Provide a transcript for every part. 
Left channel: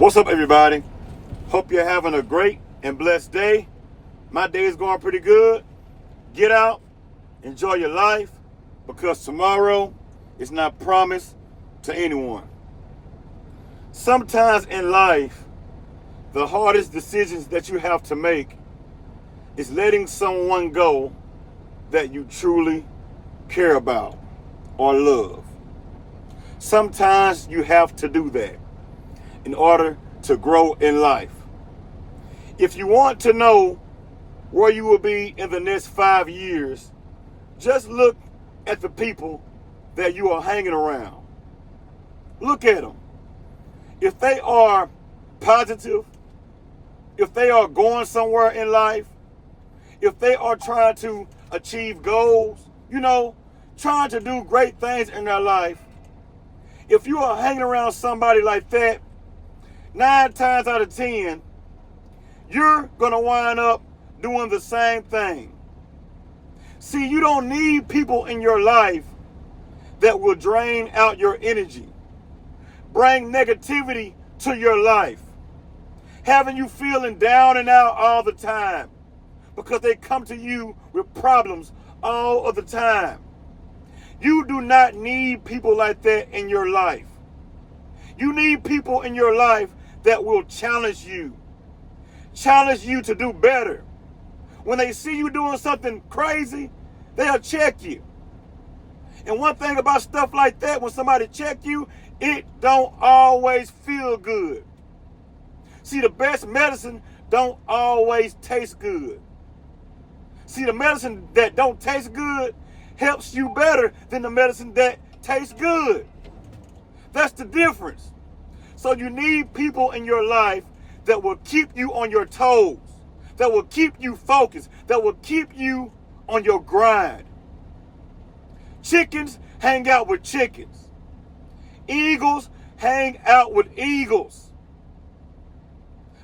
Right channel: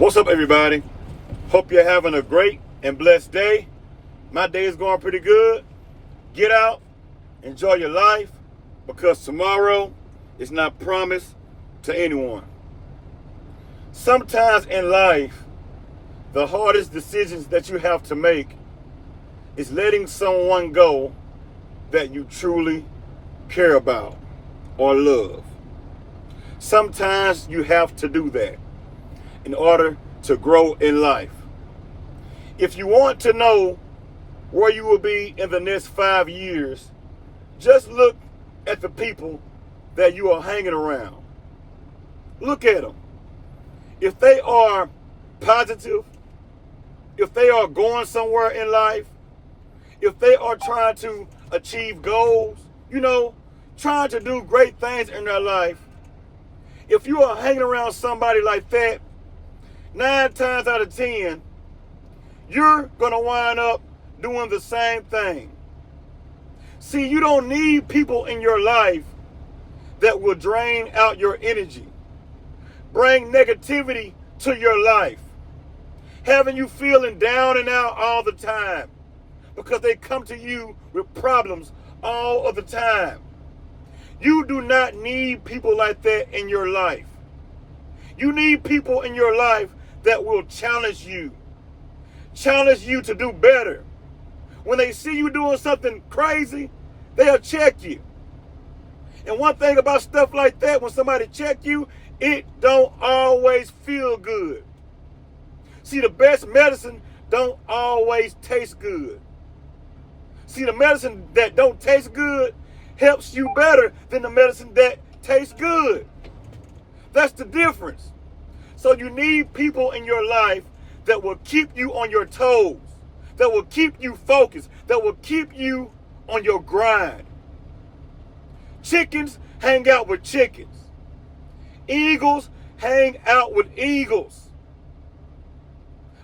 What's up, everybody? Hope you're having a great and blessed day. My day is going pretty good. Get out, enjoy your life, because tomorrow is not promised to anyone. Sometimes in life, the hardest decisions that you have to make is letting someone go that you truly care about or love. Sometimes you have to do that in order to grow in life. If you want to know where you will be in the next 5 years, just look at the people that you are hanging around. Look at them. If they are positive, if they are going somewhere in life, if they are trying to achieve goals, trying to do great things in their life, if you are hanging around somebody like that, 9 times out of 10, you're going to wind up doing the same thing. See, you don't need people in your life that will drain out your energy, bring negativity to your life, having you feeling down and out all the time because they come to you with problems all of the time. You do not need people like that in your life. You need people in your life that will challenge you to do better. When they see you doing something crazy, they'll check you. And one thing about stuff like that, when somebody check you, it don't always feel good. See, the best medicine don't always taste good. See, the medicine that don't taste good helps you better than the medicine that tastes good. That's the difference. So you need people in your life that will keep you on your toes, that will keep you focused, that will keep you on your grind. Chickens hang out with chickens. Eagles hang out with eagles.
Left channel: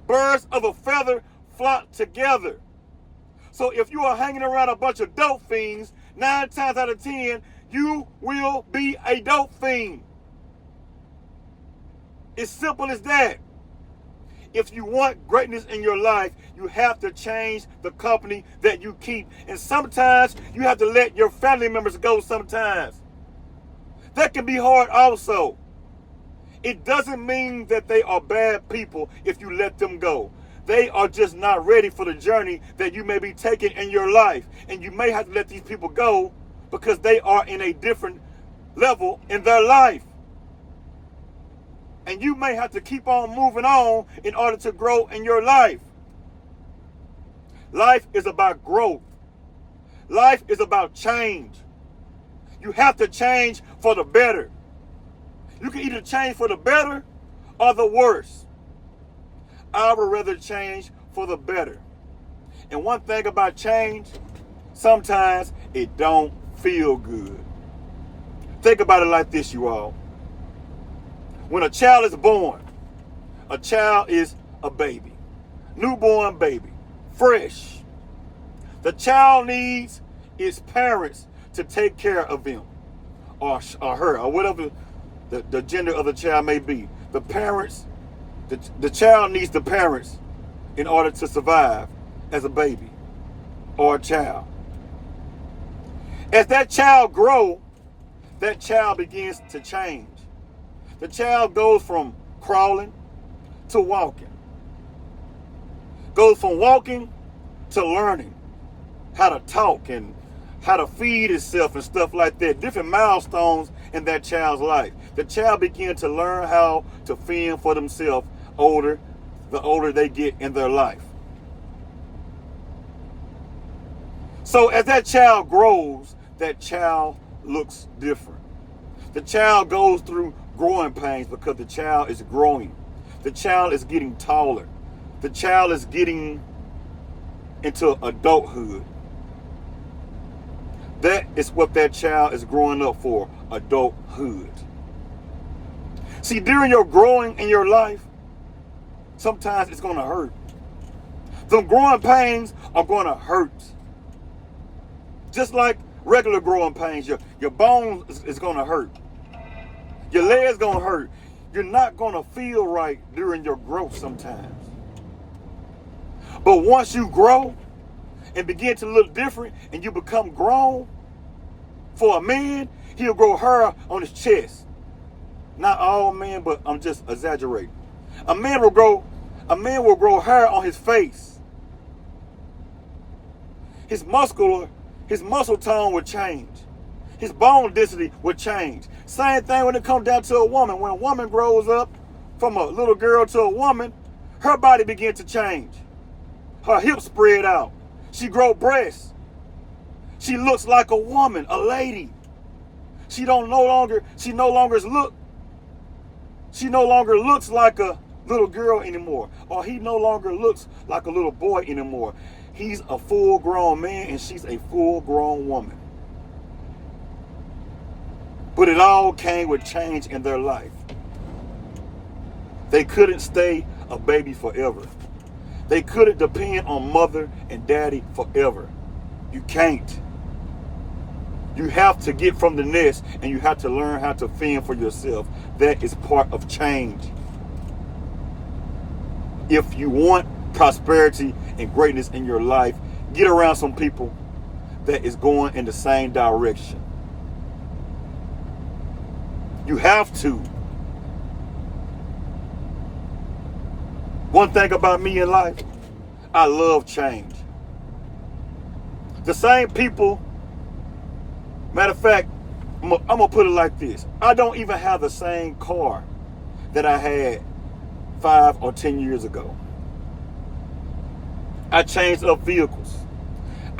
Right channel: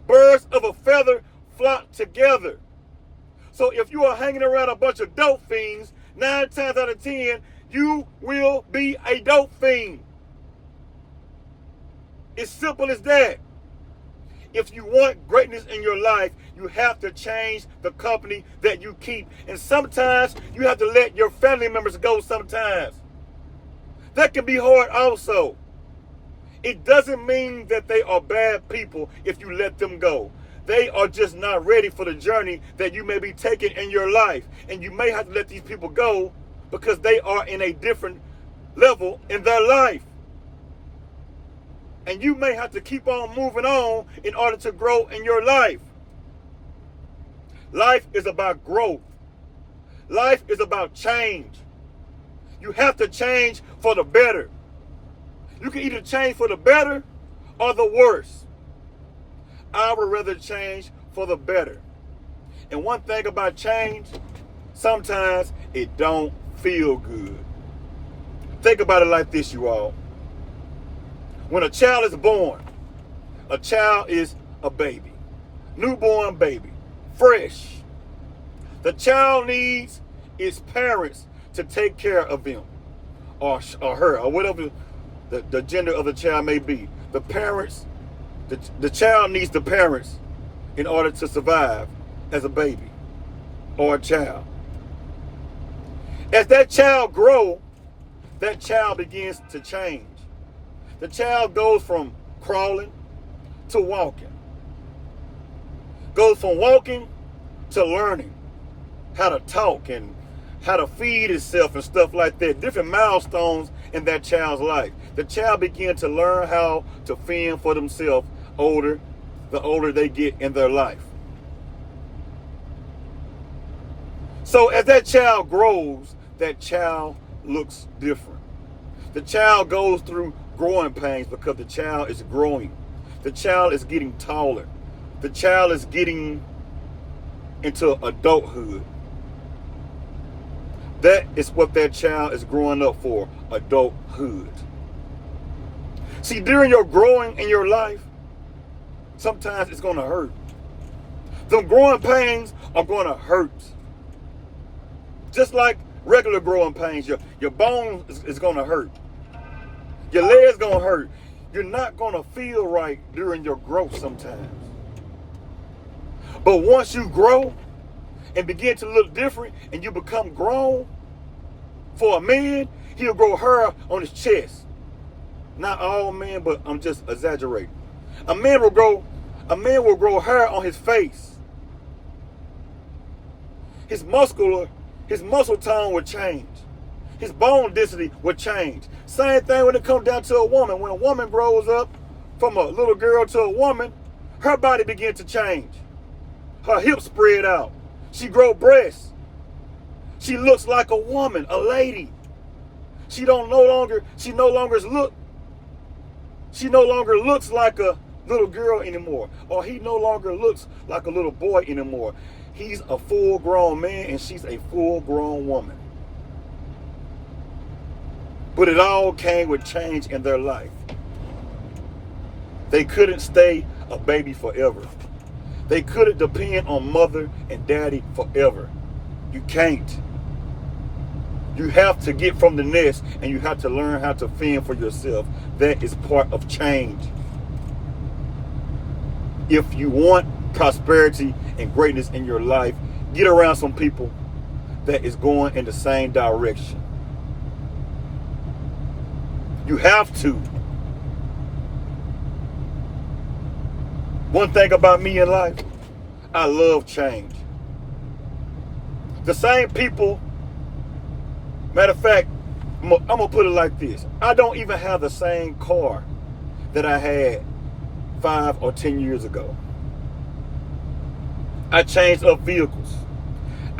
Birds of a feather flock together. So if you are hanging around a bunch of dope fiends, 9 times out of 10, you will be a dope fiend. It's simple as that. If you want greatness in your life, you have to change the company that you keep. And sometimes you have to let your family members go sometimes. That can be hard also. It doesn't mean that they are bad people if you let them go. They are just not ready for the journey that you may be taking in your life. And you may have to let these people go because they are in a different level in their life. And you may have to keep on moving on in order to grow in your life. Life is about growth. Life is about change. You have to change for the better. You can either change for the better or the worse. I would rather change for the better. And one thing about change, sometimes it don't feel good. Think about it like this, you all. When a child is born, a child is a baby, newborn baby, fresh. The child needs its parents to take care of him or her, or whatever the gender of the child may be. The parents, the child needs the parents in order to survive as a baby or a child. As that child grows, that child begins to change. The child goes from crawling to walking. Goes from walking to learning how to talk and how to feed itself and stuff like that. Different milestones in that child's life. The child begins to learn how to fend for themselves the older they get in their life. So as that child grows, that child looks different. The child goes through growing pains because the child is growing. The child is getting taller. The child is getting into adulthood. That is what that child is growing up for, adulthood. See, during your growing in your life, sometimes it's going to hurt. The growing pains are going to hurt. Just like regular growing pains, your bones is going to hurt. Your leg's going to hurt. You're not going to feel right during your growth sometimes. But once you grow and begin to look different and you become grown, for a man, he'll grow hair on his chest. Not all men, but I'm just exaggerating. A man will grow hair on his face. His muscle tone will change. His bone density will change. Same thing when it comes down to a woman. When a woman grows up from a little girl to a woman, her body begins to change. Her hips spread out. She grows breasts. She looks like a woman, a lady. She no longer looks like a little girl anymore, or he no longer looks like a little boy anymore. He's a full-grown man and she's a full-grown woman. But it all came with change in their life. They couldn't stay a baby forever. They couldn't depend on mother and daddy forever. You can't. You have to get from the nest and you have to learn how to fend for yourself. That is part of change. If you want prosperity and greatness in your life, get around some people that is going in the same direction. You have to. One thing about me in life, I love change. The same people, matter of fact, I'm going to put it like this. I don't even have the same car that I had 5 or 10 years ago. I changed up vehicles.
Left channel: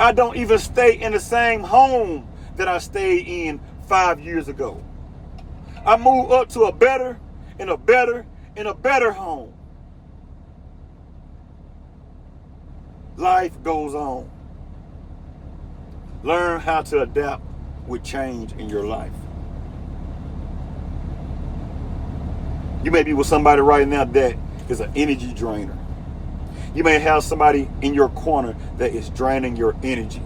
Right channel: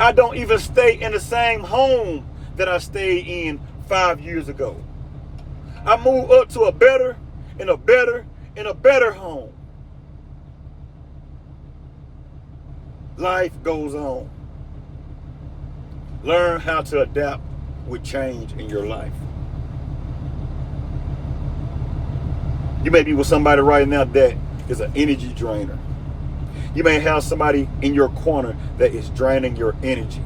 I don't even stay in the same home that I stayed in 5 years ago. I moved up to a better home. Life goes on. Learn how to adapt with change in your life. You may be with somebody right now that is an energy drainer. You may have somebody in your corner that is draining your energy.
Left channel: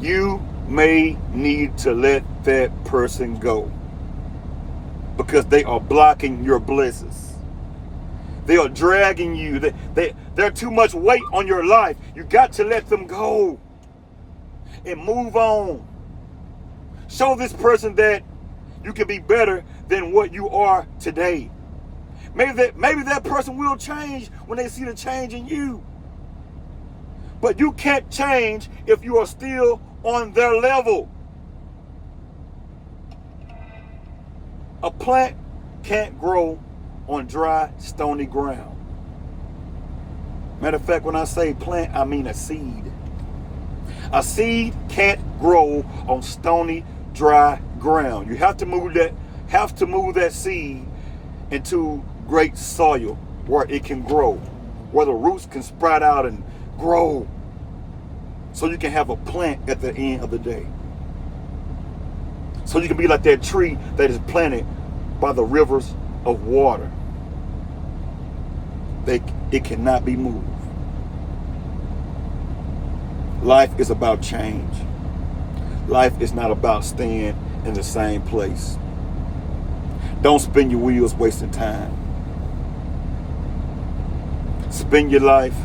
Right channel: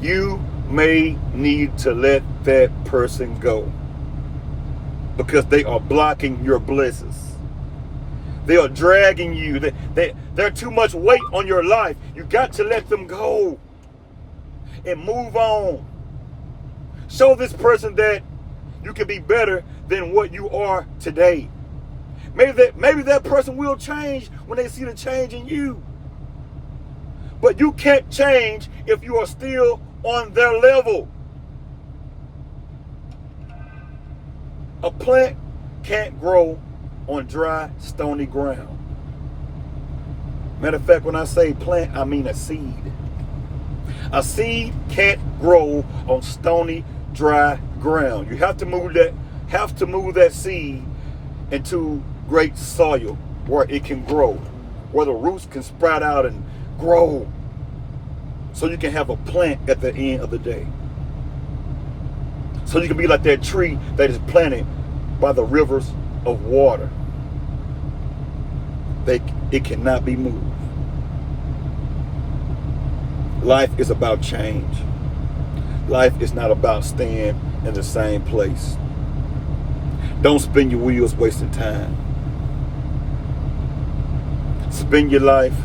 You may need to let that person go because they are blocking your blessings. They are dragging you. They're too much weight on your life. You got to let them go and move on. Show this person that you can be better than what you are today. Maybe that person will change when they see the change in you. But you can't change if you are still on their level. A plant can't grow on dry, stony ground. Matter of fact, when I say plant, I mean a seed. A seed can't grow on stony, dry ground. You have to move that seed into great soil where it can grow, where the roots can sprout out and grow, so you can have a plant at the end of the day. So you can be like that tree that is planted by the rivers of water. It cannot be moved. Life is about change. Life is not about staying in the same place. Don't spin your wheels wasting time. Spend your life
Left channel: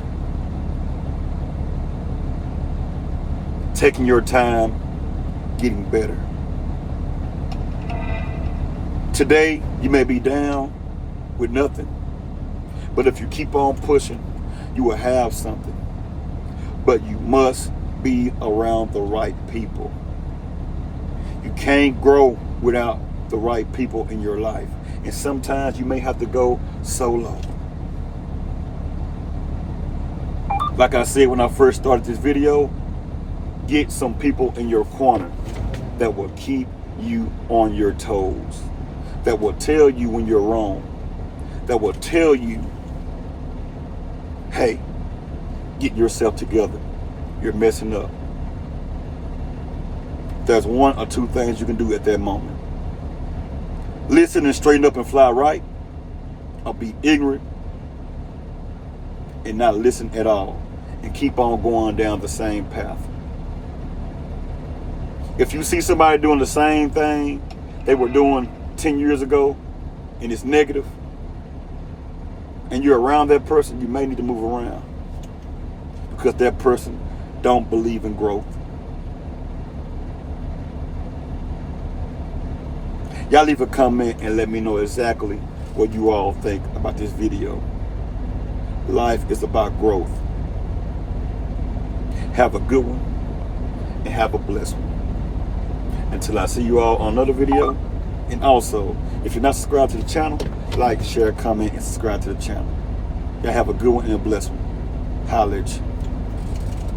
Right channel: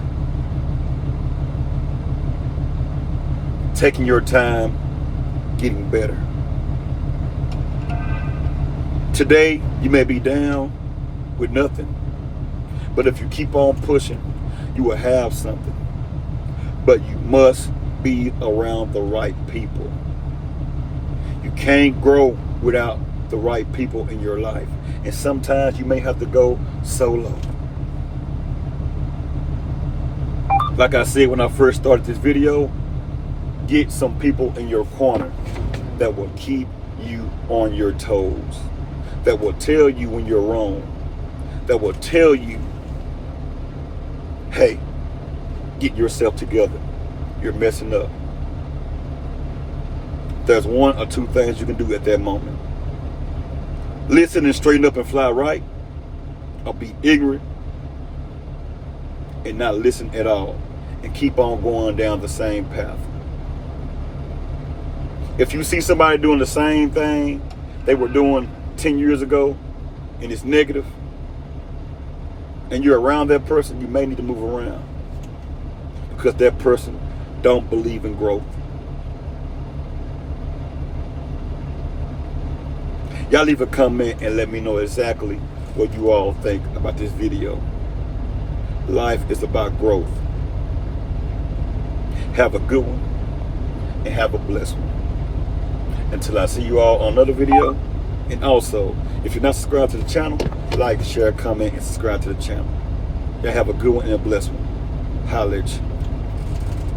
taking your time, getting better. Today, you may be down with nothing, but if you keep on pushing, you will have something. But you must be around the right people. You can't grow without the right people in your life. And sometimes you may have to go solo. Like I said when I first started this video, get some people in your corner that will keep you on your toes, that will tell you when you're wrong, that will tell you, hey, get yourself together. You're messing up. There's one or two things you can do at that moment. Listen and straighten up and fly right, or be ignorant and not listen at all and keep on going down the same path. If you see somebody doing the same thing they were doing 10 years ago, and it's negative, and you're around that person, you may need to move around, because that person don't believe in growth. Y'all leave a comment and let me know exactly what you all think about this video. Life is about growth. Have a good one and have a blessed one. Until I see you all on another video. And also, if you're not subscribed to the channel, like, share, comment, and subscribe to the channel. Y'all have a good one and a blessed one. Holla at you.